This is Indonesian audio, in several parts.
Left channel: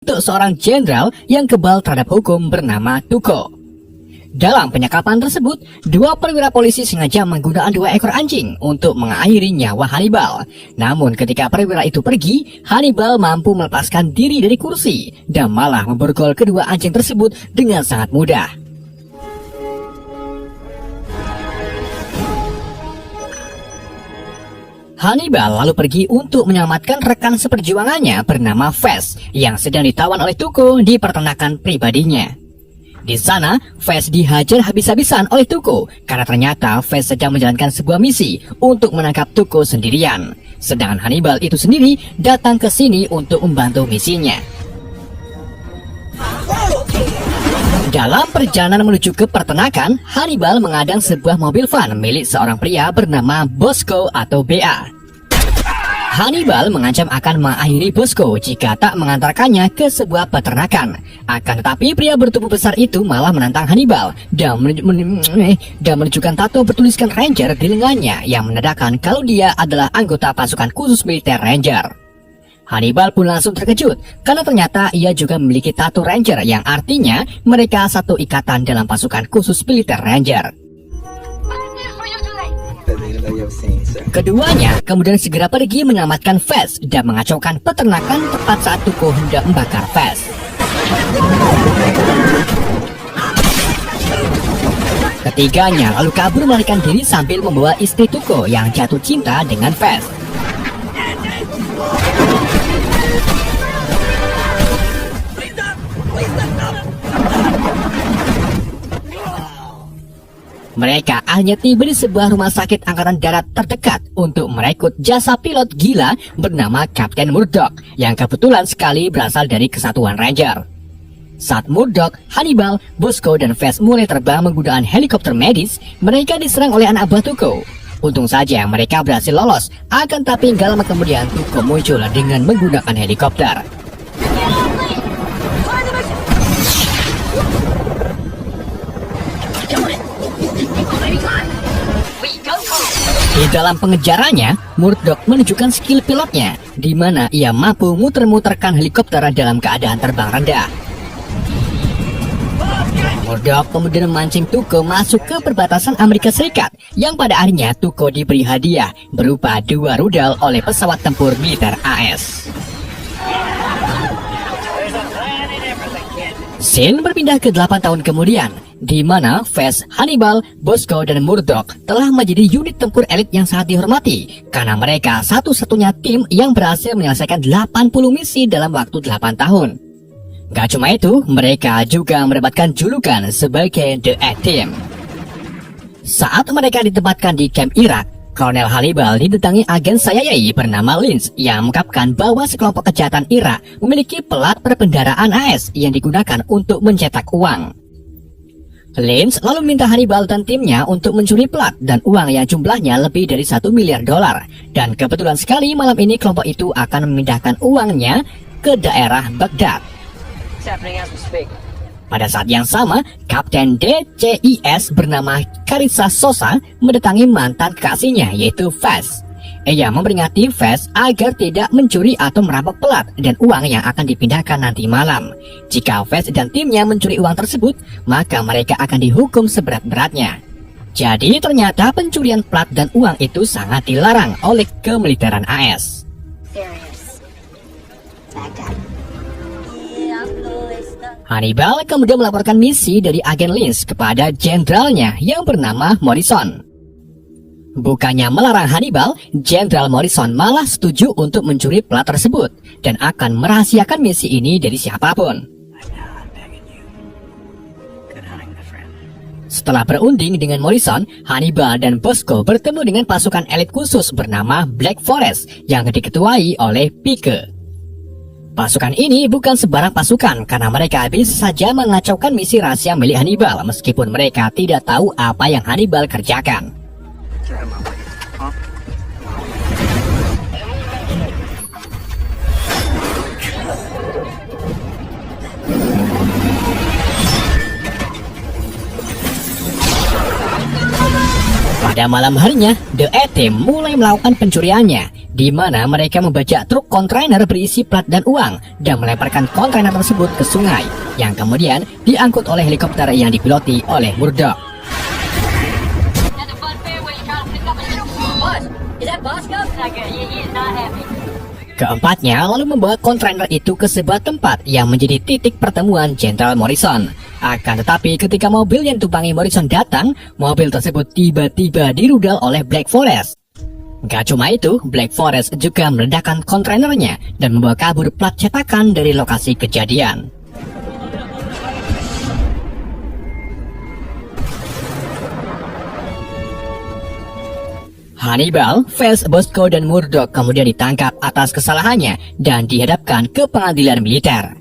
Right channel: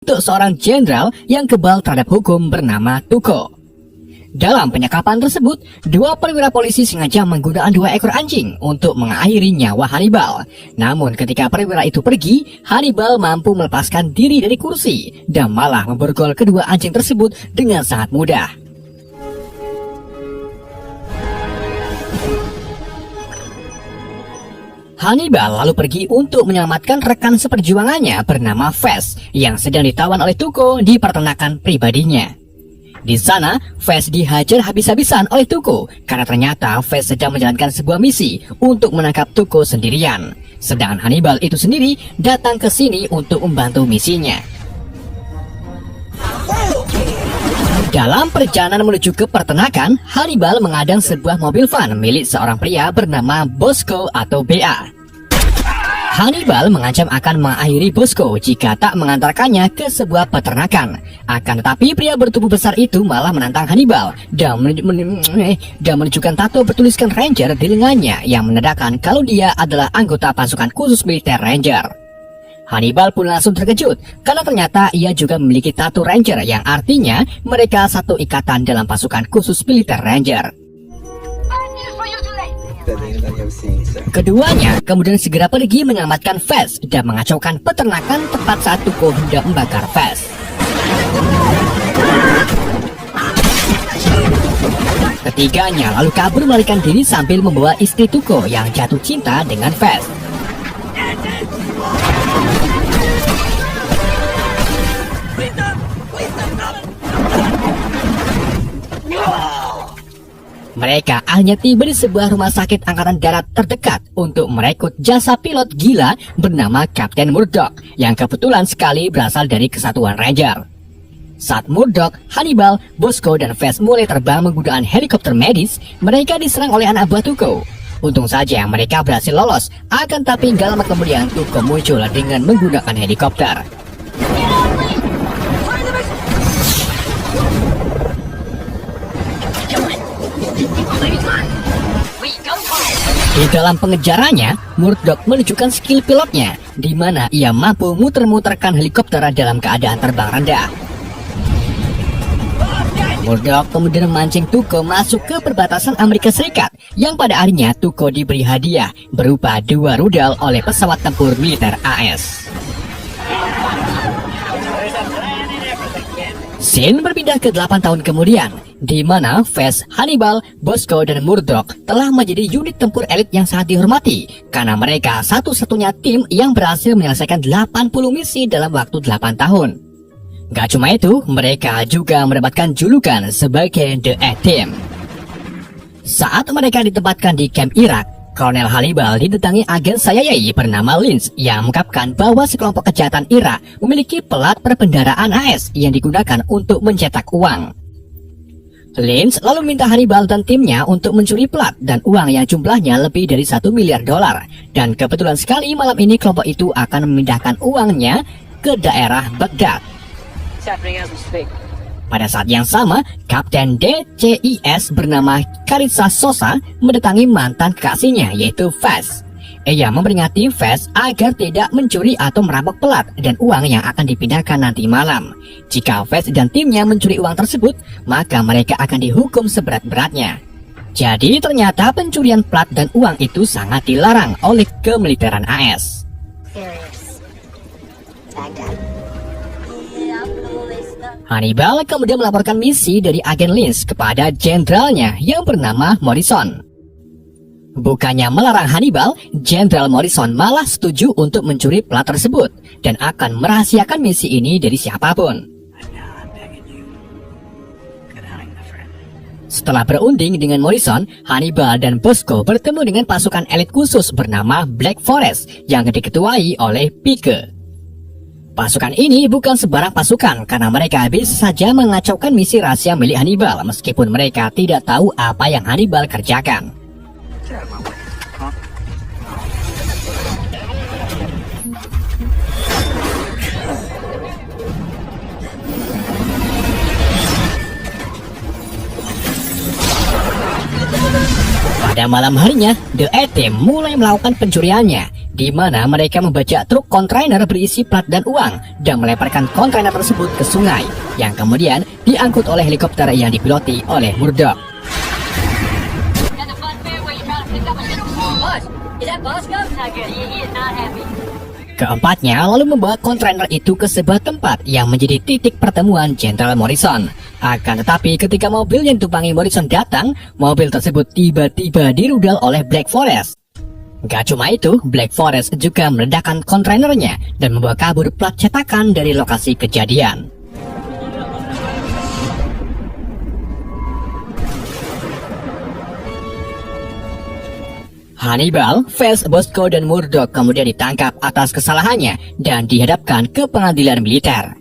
untuk seorang jenderal yang kebal terhadap hukum bernama Tuco. Dalam penyekapan tersebut, dua perwira polisi sengaja menggunakan dua ekor anjing untuk mengakhiri nyawa Hannibal. Namun ketika perwira itu pergi, Hannibal mampu melepaskan diri dari kursi dan malah memborgol kedua anjing tersebut dengan sangat mudah. Hannibal lalu pergi untuk menyelamatkan rekan seperjuangannya bernama Fes yang sedang ditawan oleh Tuco di peternakan pribadinya. Di sana, Fes dihajar habis-habisan oleh Tuco karena ternyata Fes sedang menjalankan sebuah misi untuk menangkap Tuco sendirian. Sedangkan Hannibal itu sendiri datang ke sini untuk membantu misinya. Dalam perjalanan menuju ke peternakan, Hannibal mengadang sebuah mobil van milik seorang pria bernama Bosco atau BA. Hannibal mengancam akan mengakhiri Bosco jika tak mengantarkannya ke sebuah peternakan. Akan tetapi pria bertubuh besar itu malah menantang Hannibal dan menunjukkan tato bertuliskan Ranger di lengannya yang menandakan kalau dia adalah anggota pasukan khusus militer Ranger. Hannibal pun langsung terkejut karena ternyata ia juga memiliki tato Ranger yang artinya mereka satu ikatan dalam pasukan khusus militer Ranger. Keduanya kemudian segera pergi menyelamatkan Fes dan mengacaukan peternakan tepat saat Tuco hendak membakar Fes. Ketiganya lalu kabur melarikan diri sambil membawa istri Tuco yang jatuh cinta dengan Fes. Mereka hanya tiba di sebuah rumah sakit angkatan darat terdekat untuk merekrut jasa pilot gila bernama Kapten Murdoch yang kebetulan sekali berasal dari kesatuan Ranger. Saat Murdoch, Hannibal, Bosco, dan Fes mulai terbang menggunakan helikopter medis, mereka diserang oleh anak buah Tuco. Untung saja mereka berhasil lolos, akan tapi gak lama kemudian Tuco muncul dengan menggunakan helikopter. Di dalam pengejarannya, Murdoch menunjukkan skill pilotnya, di mana ia mampu muter-muterkan helikopter dalam keadaan terbang rendah. Murdoch kemudian memancing Tuco masuk ke perbatasan Amerika Serikat, yang pada akhirnya Tuco diberi hadiah berupa 2 rudal oleh pesawat tempur militer AS. Scene berpindah ke 8 tahun kemudian, di mana Fes, Hannibal, Bosco, dan Murdoch telah menjadi unit tempur elit yang sangat dihormati karena mereka satu-satunya tim yang berhasil menyelesaikan 80 misi dalam waktu 8 tahun. Gak cuma itu, mereka juga mendapatkan julukan sebagai The A-Team. Saat mereka ditempatkan di kamp Irak, Kolonel Hannibal didatangi agen CIA bernama Lynch yang mengungkapkan bahwa sekelompok kejahatan Irak memiliki pelat perbendaharaan AS yang digunakan untuk mencetak uang. Lynch lalu minta Hannibal dan timnya untuk mencuri plat dan uang yang jumlahnya lebih dari $1 miliar. Dan kebetulan sekali malam ini kelompok itu akan memindahkan uangnya ke daerah Baghdad. Pada saat yang sama, Kapten DCIS bernama Carissa Sosa mendatangi mantan kekasihnya yaitu Fes. Ia memperingati Fes agar tidak mencuri atau merampok pelat dan uang yang akan dipindahkan nanti malam. Jika Fes dan timnya mencuri uang tersebut, maka mereka akan dihukum seberat-beratnya. Jadi ternyata pencurian plat dan uang itu sangat dilarang oleh kemiliteran AS. Hannibal kemudian melaporkan misi dari agen Lynch kepada jenderalnya yang bernama Morrison. Bukannya melarang Hannibal, Jenderal Morrison malah setuju untuk mencuri plat tersebut dan akan merahasiakan misi ini dari siapapun. Setelah berunding dengan Morrison, Hannibal dan Bosco bertemu dengan pasukan elit khusus bernama Black Forest yang diketuai oleh Pike. Pasukan ini bukan sembarang pasukan karena mereka bisa saja mengacaukan misi rahasia milik Hannibal meskipun mereka tidak tahu apa yang Hannibal kerjakan. Pada malam harinya, The A-Team mulai melakukan pencuriannya, di mana mereka membajak truk kontainer berisi plat dan uang dan melemparkan kontainer tersebut ke sungai yang kemudian diangkut oleh helikopter yang dipiloti oleh Murdoch. Keempatnya lalu membawa kontainer itu ke sebuah tempat yang menjadi titik pertemuan Jenderal Morrison. Akan tetapi ketika mobil yang ditumpangi Morrison datang, mobil tersebut tiba-tiba dirudal oleh Black Forest. Gak cuma itu, Black Forest juga meledakkan kontainernya dan membawa kabur plat cetakan dari lokasi kejadian. Hannibal, Fez, Bosco, dan Murdoch kemudian ditangkap atas kesalahannya dan dihadapkan ke pengadilan militer.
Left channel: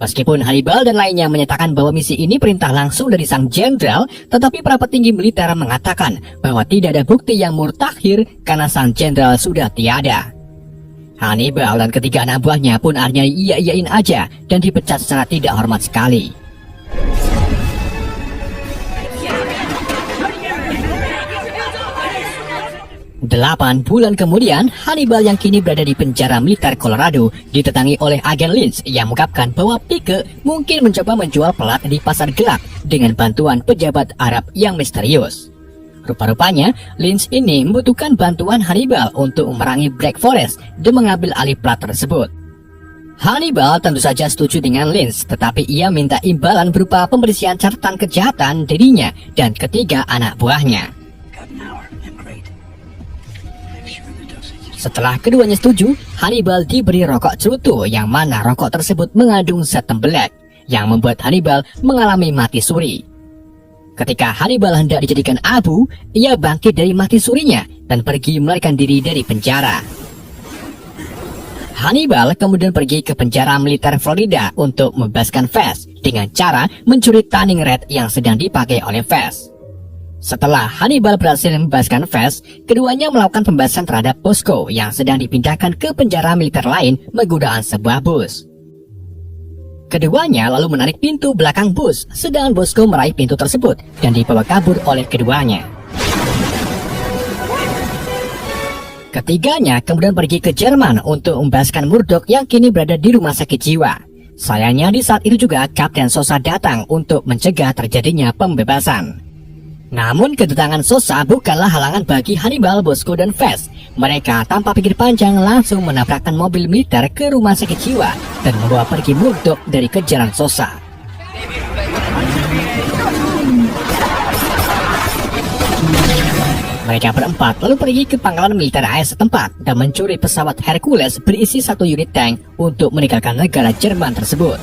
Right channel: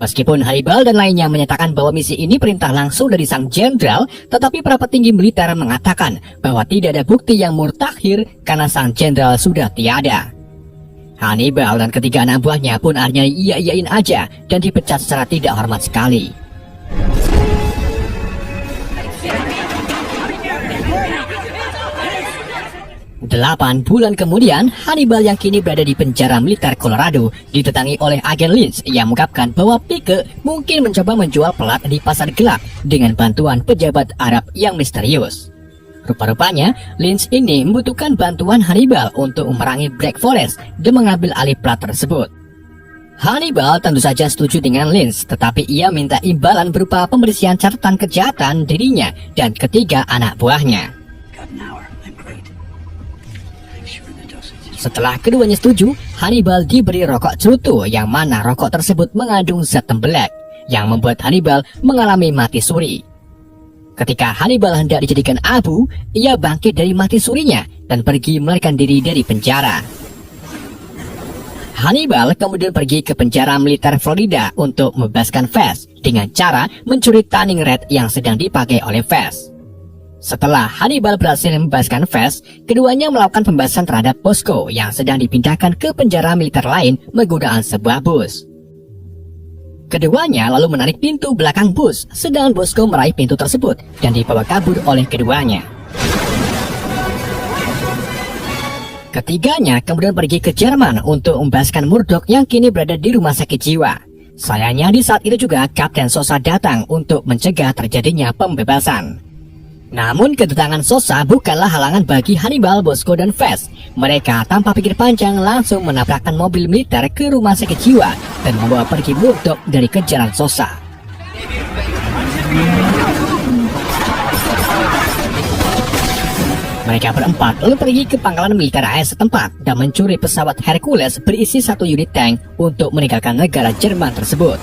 Meskipun Hannibal dan lainnya menyatakan bahwa misi ini perintah langsung dari sang jenderal, tetapi para petinggi militer mengatakan bahwa tidak ada bukti yang murtakhir karena sang jenderal sudah tiada. Hannibal dan ketiga anak buahnya pun akhirnya iya-iyain aja dan dipecat secara tidak hormat sekali. 8 bulan kemudian, Hannibal yang kini berada di penjara militer Colorado ditetangi oleh agen Lynch yang mengungkapkan bahwa Pike mungkin mencoba menjual plat di pasar gelap dengan bantuan pejabat Arab yang misterius. Rupa-rupanya, Lynch ini membutuhkan bantuan Hannibal untuk memerangi Black Forest dan mengambil alih plat tersebut. Hannibal tentu saja setuju dengan Lynch, tetapi ia minta imbalan berupa pembersihan catatan kejahatan dirinya dan ketiga anak buahnya. Setelah keduanya setuju, Hannibal diberi rokok cerutu yang mana rokok tersebut mengandung zat tembelak yang membuat Hannibal mengalami mati suri. Ketika Hannibal hendak dijadikan abu, ia bangkit dari mati surinya dan pergi melarikan diri dari penjara. Hannibal kemudian pergi ke penjara militer Florida untuk membebaskan Fez dengan cara mencuri Turning Red yang sedang dipakai oleh Fez. Setelah Hannibal berhasil membebaskan Fez, keduanya melakukan pembahasan terhadap Bosco yang sedang dipindahkan ke penjara militer lain menggunakan sebuah bus. Keduanya lalu menarik pintu belakang bus, sedangkan Bosco meraih pintu tersebut dan dibawa kabur oleh keduanya. Ketiganya kemudian pergi ke Jerman untuk membebaskan Murdoch yang kini berada di rumah sakit jiwa. Sayangnya di saat itu juga Kapten Sosa datang untuk mencegah terjadinya pembebasan. Namun kedatangan Sosa bukanlah halangan bagi Hannibal, Bosco, dan Fez. Mereka tanpa pikir panjang langsung menabrakkan mobil militer ke rumah sakit jiwa dan membawa pergi Murdoch dari kejaran Sosa. Mereka berempat lalu pergi ke pangkalan militer AS setempat dan mencuri pesawat Hercules berisi 1 unit tank untuk meninggalkan negara Jerman tersebut.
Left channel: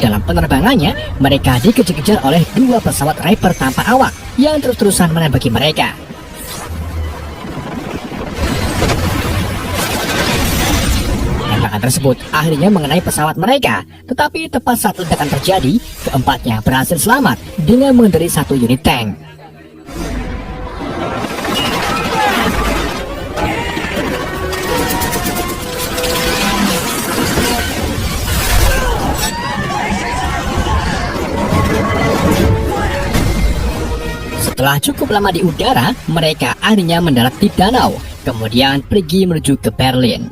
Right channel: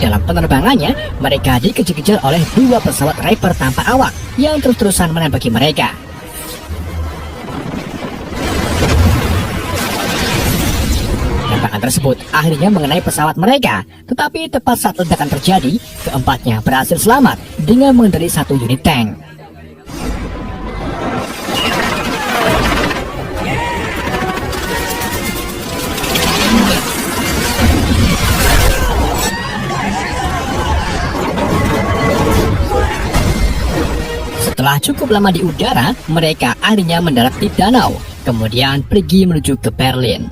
Dalam penerbangannya, mereka dikejar-kejar oleh 2 pesawat Reaper tanpa awak yang terus-terusan menembaki mereka. Tembakan tersebut akhirnya mengenai pesawat mereka, tetapi tepat saat ledakan terjadi, keempatnya berhasil selamat dengan mengendarai 1 unit tank. Setelah cukup lama di udara, mereka akhirnya mendarat di danau, kemudian pergi menuju ke Berlin.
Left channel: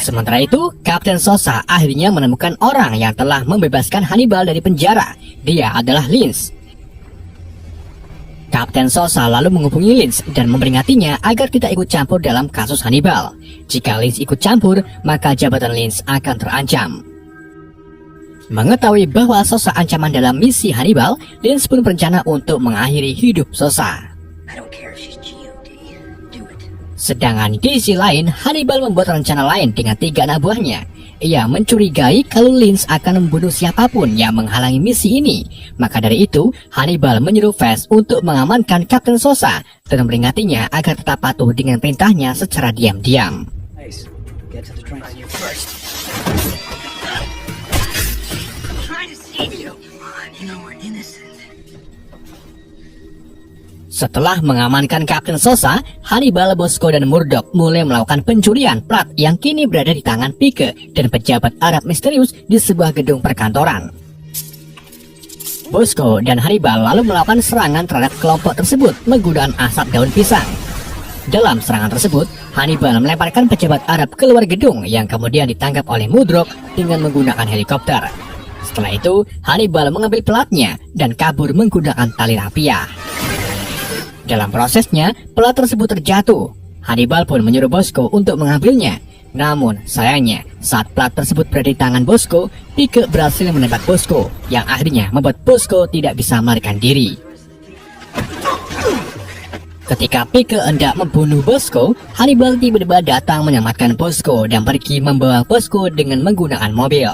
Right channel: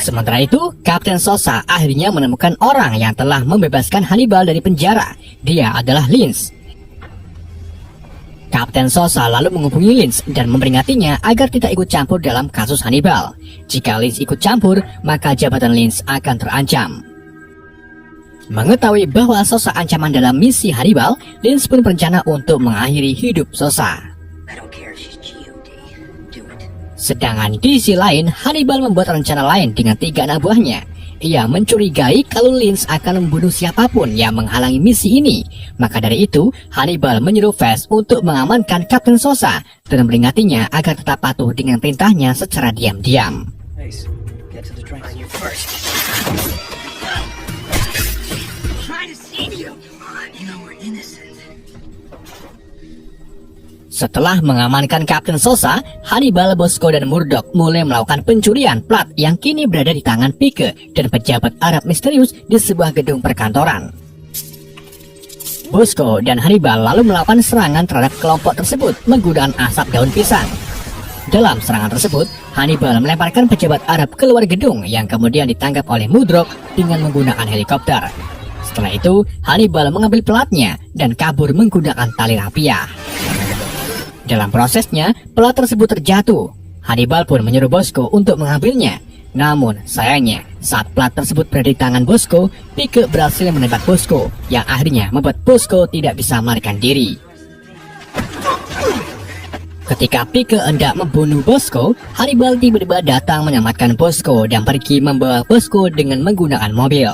Sementara itu, Kapten Sosa akhirnya menemukan orang yang telah membebaskan Hannibal dari penjara. Dia adalah Lynch. Kapten Sosa lalu menghubungi Lynch dan memperingatinya agar tidak ikut campur dalam kasus Hannibal. Jika Lynch ikut campur, maka jabatan Lynch akan terancam. Mengetahui bahwa Sosa ancaman dalam misi Hannibal, Lynch pun berencana untuk mengakhiri hidup Sosa. Sedangkan di sisi lain, Hannibal membuat rencana lain dengan 3 anak buahnya. Ia mencurigai kalau Lynch akan membunuh siapapun yang menghalangi misi ini. Maka dari itu, Hannibal menyuruh Fez untuk mengamankan Kapten Sosa dan memperingatinya agar tetap patuh dengan perintahnya secara diam-diam. Setelah mengamankan Kapten Sosa, Hannibal, Bosco, dan Murdoch mulai melakukan pencurian plat yang kini berada di tangan Pike dan pejabat Arab misterius di sebuah gedung perkantoran. Bosco dan Hannibal lalu melakukan serangan terhadap kelompok tersebut menggunakan asap daun pisang. Dalam serangan tersebut, Hannibal melemparkan pejabat Arab keluar gedung yang kemudian ditangkap oleh Murdoch dengan menggunakan helikopter. Setelah itu, Hannibal mengambil platnya dan kabur menggunakan tali rapiah. Dalam prosesnya, plat tersebut terjatuh. Hannibal pun menyuruh Bosco untuk mengambilnya. Namun, sayangnya, saat plat tersebut berada di tangan Bosco, Pike berhasil menembak Bosco, yang akhirnya membuat Bosco tidak bisa melarikan diri. Ketika Pike hendak membunuh Bosco, Hannibal tiba-tiba datang menyelamatkan Bosco dan pergi membawa Bosco dengan menggunakan mobil.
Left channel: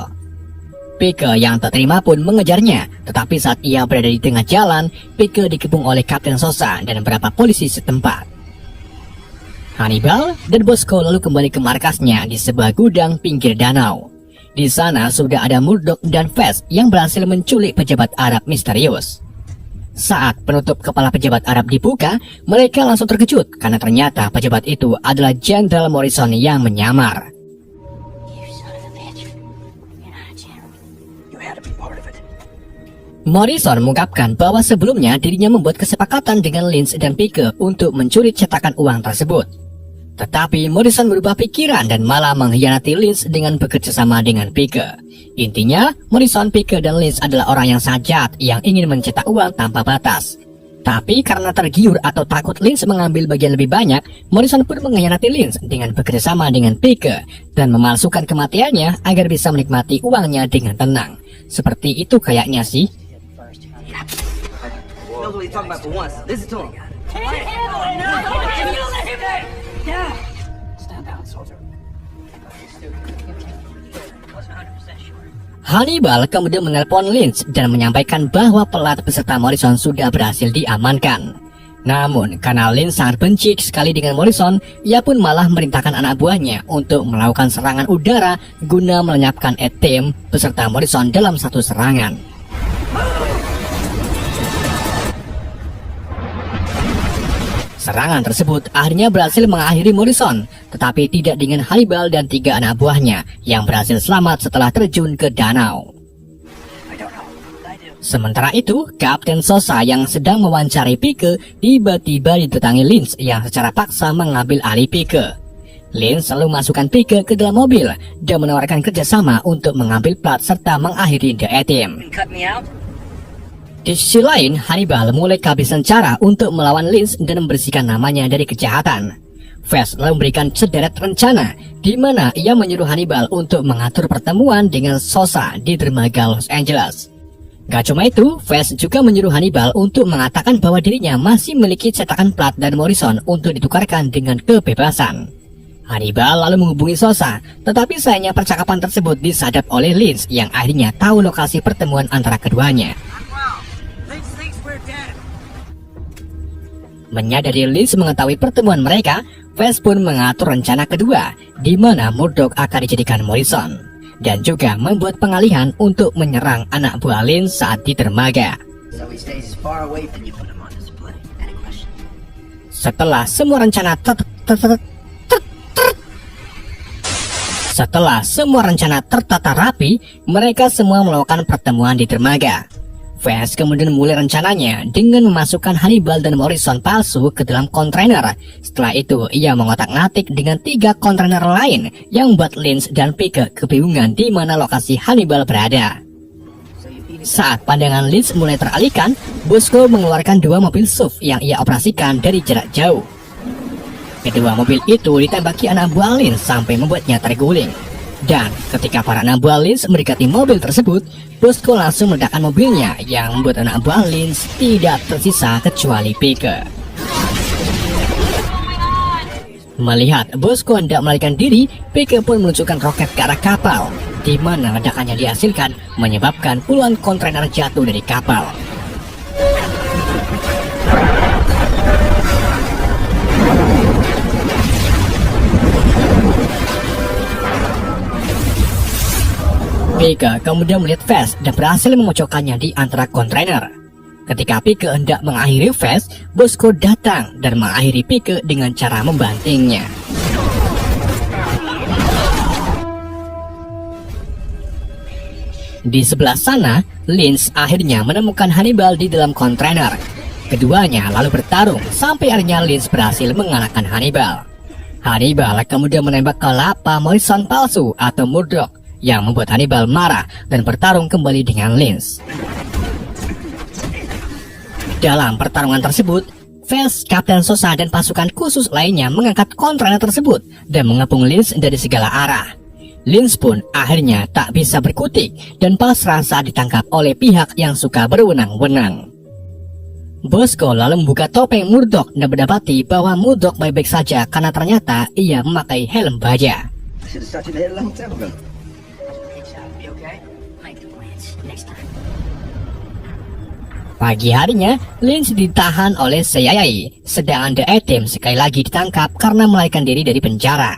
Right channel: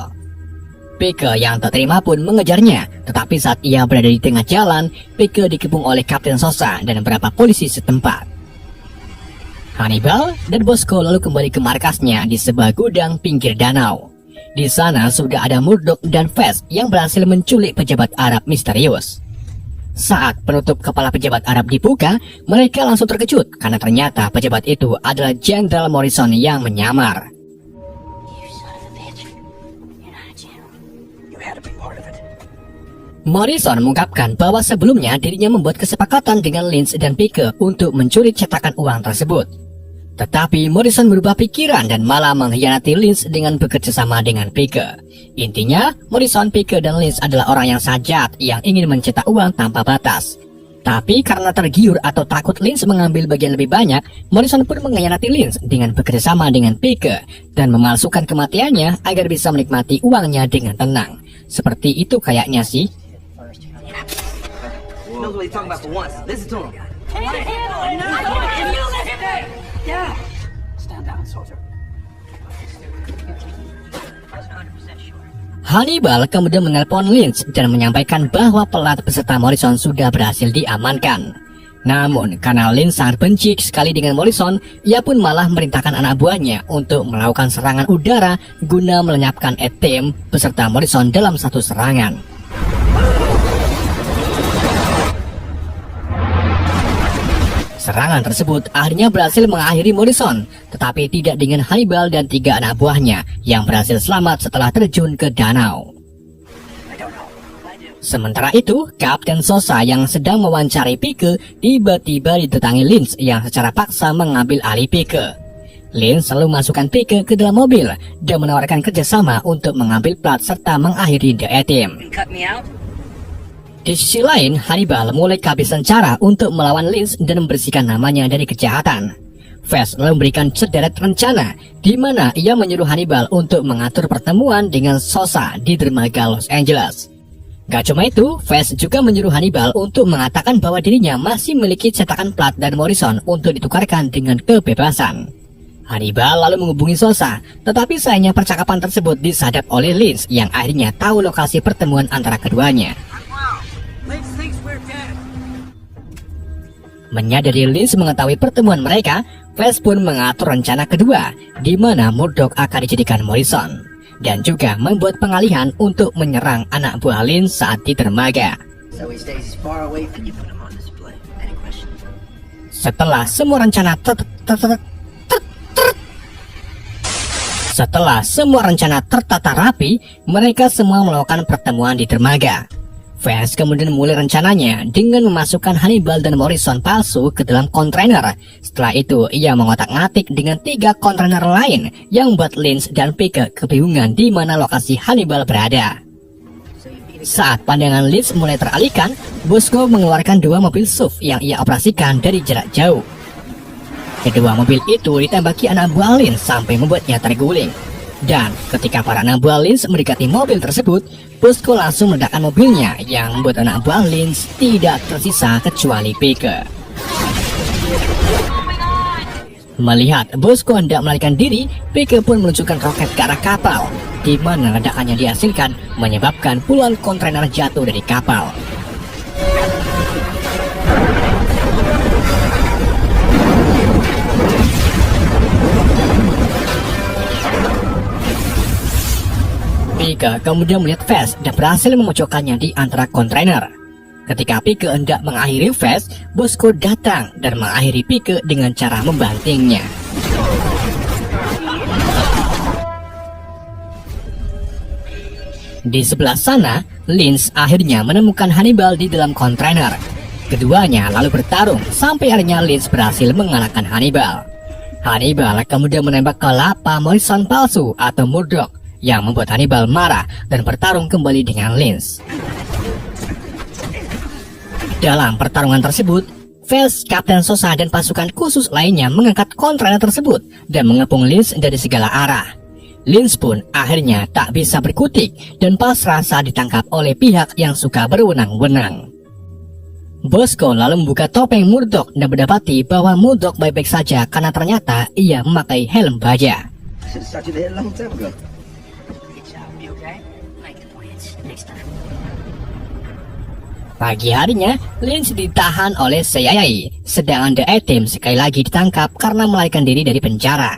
Pike yang tak terima pun mengejarnya, tetapi saat ia berada di tengah jalan, Pike dikepung oleh Kapten Sosa dan beberapa polisi setempat. Hannibal dan Bosco lalu kembali ke markasnya di sebuah gudang pinggir danau. Di sana sudah ada Murdoch dan Fez yang berhasil menculik pejabat Arab misterius. Saat penutup kepala pejabat Arab dibuka, mereka langsung terkejut karena ternyata pejabat itu adalah Jenderal Morrison yang menyamar. Morrison mengungkapkan bahwa sebelumnya dirinya membuat kesepakatan dengan Lynch dan Pike untuk mencuri cetakan uang tersebut. Tetapi Morrison berubah pikiran dan malah mengkhianati Lynch dengan bekerjasama dengan Pike. Intinya, Morrison, Pike, dan Lynch adalah orang yang sajat yang ingin mencetak uang tanpa batas. Tapi karena tergiur atau takut Lynch mengambil bagian lebih banyak, Morrison pun mengkhianati Lynch dengan bekerjasama dengan Pike dan memalsukan kematiannya agar bisa menikmati uangnya dengan tenang. Seperti itu kayaknya sih. Knows what he's talking about for once. Listen to him. Hannibal kemudian menelpon Lynch dan menyampaikan bahwa pelat beserta Morrison sudah berhasil diamankan. Namun, karena Lynch sangat benci sekali dengan Morrison, ia pun malah memerintahkan anak buahnya untuk melakukan serangan udara guna melenyapkan ATM beserta Morrison dalam satu serangan. Serangan tersebut akhirnya berhasil mengakhiri Morrison, tetapi tidak dengan Hannibal dan 3 anak buahnya yang berhasil selamat setelah terjun ke danau. Sementara itu, Kapten Sosa yang sedang mewawancari Pike tiba-tiba didatangi Lynch yang secara paksa mengambil alih Pike. Lynch selalu masukkan Pike ke dalam mobil dan menawarkan kerjasama untuk mengambil plat serta mengakhiri The ATM. Di sisi lain, Hannibal mulai kehabisan cara untuk melawan Lynch dan membersihkan namanya dari kejahatan. Fez lalu memberikan sederet rencana, di mana ia menyuruh Hannibal untuk mengatur pertemuan dengan Sosa di dermaga Los Angeles. Gak cuma itu, Fez juga menyuruh Hannibal untuk mengatakan bahwa dirinya masih memiliki cetakan plat dan Morrison untuk ditukarkan dengan kebebasan. Hannibal lalu menghubungi Sosa, tetapi sayangnya percakapan tersebut disadap oleh Lynch yang akhirnya tahu lokasi pertemuan antara keduanya. Menyadari Lynch mengetahui pertemuan mereka, Fez pun mengatur rencana kedua, di mana Murdoch akan dijadikan Morrison, dan juga membuat pengalihan untuk menyerang anak buah Lynch saat di dermaga. Setelah semua rencana tertata rapi, mereka semua melakukan pertemuan di dermaga. Fez kemudian mulai rencananya dengan memasukkan Hannibal dan Morrison palsu ke dalam kontainer. Setelah itu, ia mengotak-ngatik dengan 3 kontainer lain yang membuat Lynch dan Pike kebingungan di mana lokasi Hannibal berada. Saat pandangan Lynch mulai teralihkan, Bosco mengeluarkan 2 mobil SUV yang ia operasikan dari jarak jauh. Kedua mobil itu ditembaki anak buah Lynch sampai membuatnya terguling. Dan ketika para anak buah Lynch mendekati mobil tersebut, Bosco langsung meledakkan mobilnya yang membuat anak buah Lynch tidak tersisa kecuali Pike. Melihat Bosco hendak melarikan diri, Pike pun meluncurkan roket ke arah kapal, di mana ledakannya dihasilkan menyebabkan puluhan kontainer jatuh dari kapal. Pike kemudian melihat Fez dan berhasil memojokkannya di antara kontainer. Ketika Pike hendak mengakhiri Fast, Bosco datang dan mengakhiri Pike dengan cara membantingnya. Di sebelah sana, Linz akhirnya menemukan Hannibal di dalam kontainer. Keduanya lalu bertarung sampai akhirnya Linz berhasil mengalahkan Hannibal. Hannibal kemudian menembak ke lapa Morrison palsu atau Murdoch yang membuat Hannibal marah dan bertarung kembali dengan Linz. Dalam pertarungan tersebut, Fast, Kapten Sosa dan pasukan khusus lainnya mengangkat kontainer tersebut dan mengepung Linz dari segala arah. Linz pun akhirnya tak bisa berkutik dan pasrah saat ditangkap oleh pihak yang suka berwenang-wenang. Bosco lalu membuka topeng Murdoch dan mendapati bahwa Murdoch baik-baik saja karena ternyata ia memakai helm baja. I should have started here a long time ago. Pagi harinya, Linz ditahan oleh CIA, sedangkan The A-Team sekali lagi ditangkap karena melarikan diri dari penjara.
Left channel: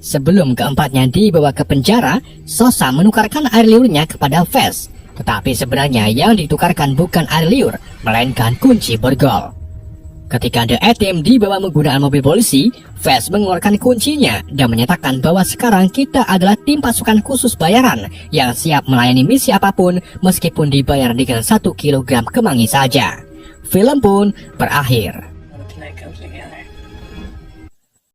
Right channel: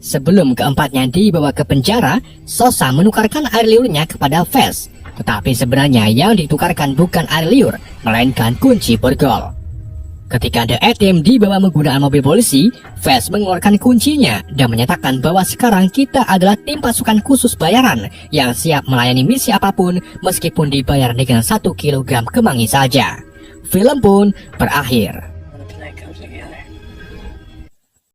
Sebelum keempatnya dibawa ke penjara, Sosa menukarkan air liurnya kepada Fast. Tetapi sebenarnya yang ditukarkan bukan air liur, melainkan kunci borgol. Ketika The A-Team dibawa menggunakan mobil polisi, Fast mengeluarkan kuncinya dan menyatakan bahwa sekarang kita adalah tim pasukan khusus bayaran yang siap melayani misi apapun meskipun dibayar dengan 1 kilogram kemangi saja. Film pun berakhir.